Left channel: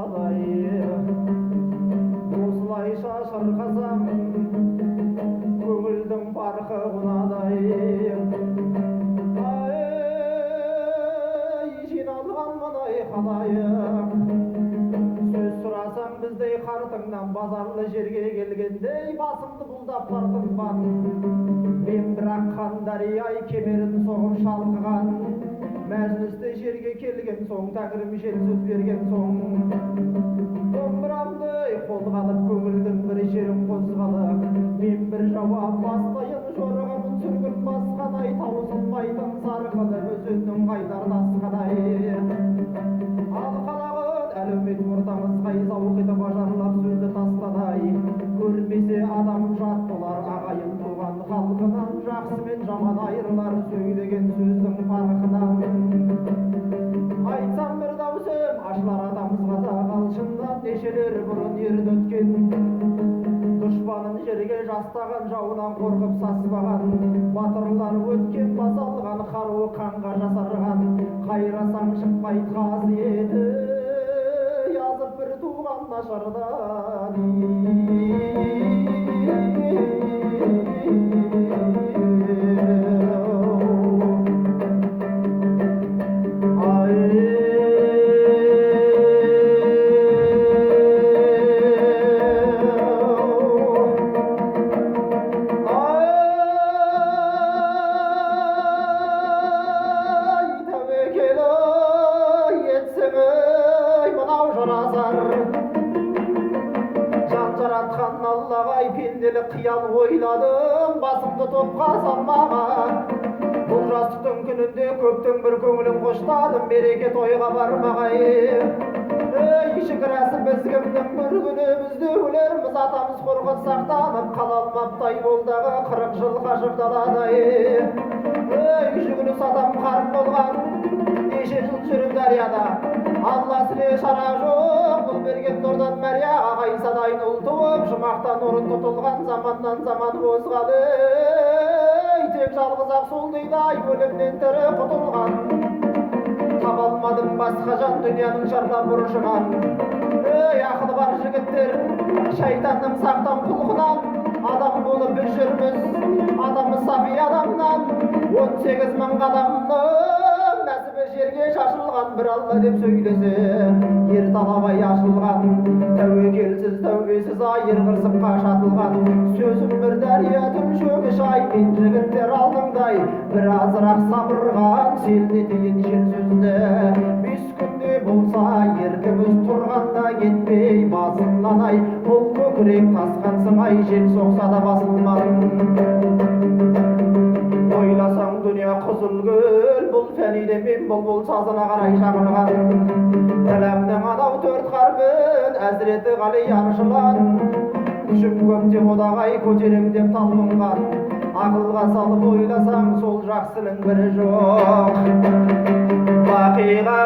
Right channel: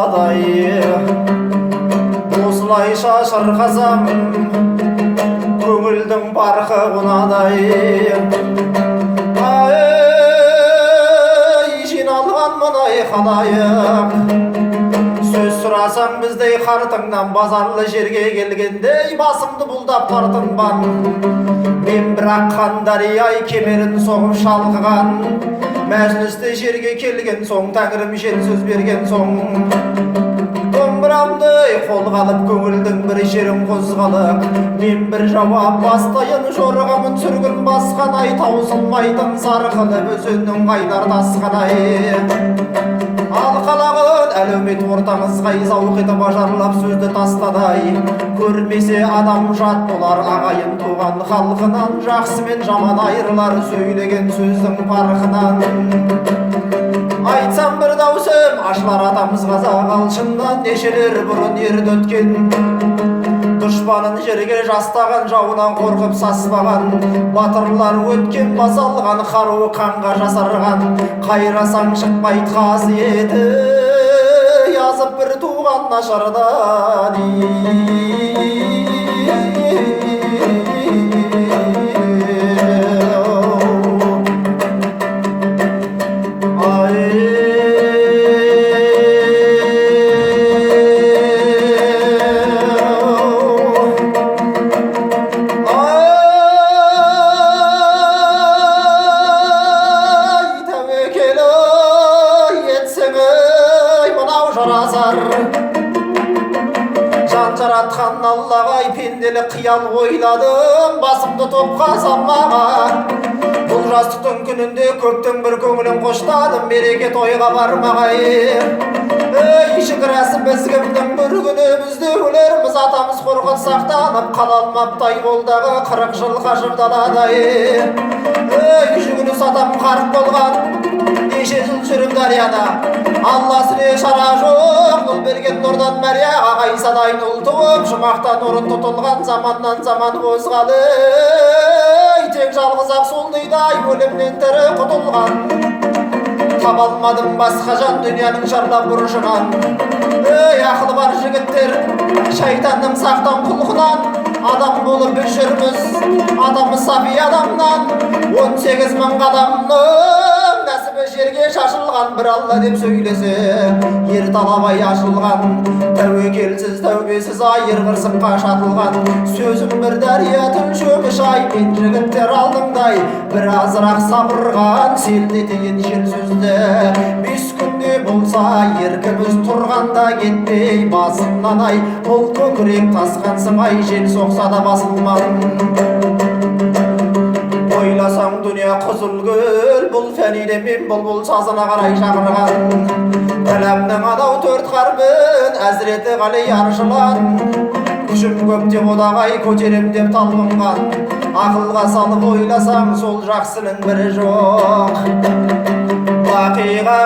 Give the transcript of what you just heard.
болсадай осылайша шырқасам көңілдің барқы құнадай. Ай жиналған мұнай халайық сөз сұрасаң біздей қартыңнан базарлы жерге келгендей басымды бұлдап тартынбан. Мен бірақ қандарияй кемерін соғып шалқыған мәжілісте жерге келген соң тәңірім жен сөз берген соң домбырамды қолға алып көңілдің бір жерін қозғалып мен бір жауап бастайын жорғамын сүргін басқан ай таусылмайтын сарқылып өзеннің қайнар тасқан ай алқалағын әлеумет ортаңызға зауқ етіп ажарлап сөзді тастадай көрмесе адам жат болар ағайын туған халқынан жақсы мен жаман айырылар сөйлеген сөздің парқынан. Айтсам бір даусым ашылар атамыз қазақ алшыннан нешелер бұрын ерді өткен дұшпанын жерге жастаған жауынан қорқып саспаған батырлар өткен басалған қаруы қанға жасарған қайрасаң шықпайды қасиеті жазып бір туған нашардан. Жан жаратқан Аллаға пенделік қиял ойладым басымды топқа салмаған бұл жастықтың күнінде көптің бір көңілін қоштадым береке тойға бармағай. Ей шікірәсі біз кімдің бір күні бізде өлерміз атамыз қорқыт сақтанып қала алмаптай болдағы 40 жыл қашып даладай. Ей жүгініс атам қарт болған неше жыл жүріп дарияда Алла сүре шара жоқ ұл берген нұрдан мәрия ағай садайын ұл туып жұмақтан орын тұтылған заманнан заман қозғалы тек жалғыз ақ сол дейдай өлімнен тірі құтылған таба алмадым басқа жан дүнияның шарлап бұрышынан. Ей ақылы бар жігіттер шайтанның сақтан құлқынан адам болып біз жүрміз атамыз саби адамнан 18 мың қадамның нәсібі жерге шашылған бір Алла деп сөйлесе ер талабай ашылған тәуекелсіз тәубесіз айыр қырсыққа шатылған сөзім бір дәрия түн шөміш ай мен жігіттер алдыңдай бір азырақ сабырған селт етейін жел сөзді 5 күнде болса еркіміз тұрғанда кетпей басымнан ай ол көкірек тасқан сымай жел соқса да басылмағын. Ойласаң дүния қызыл гүл бұл фәниде мен бұлбұл сазына қарай шақырған әлемнің анау 4 қарбын әзіреті ғали аршылан күшім көп деп одағай көтерем деп талпынған ақылға салып ойласаң сол жақсының бірі жоқ бақиға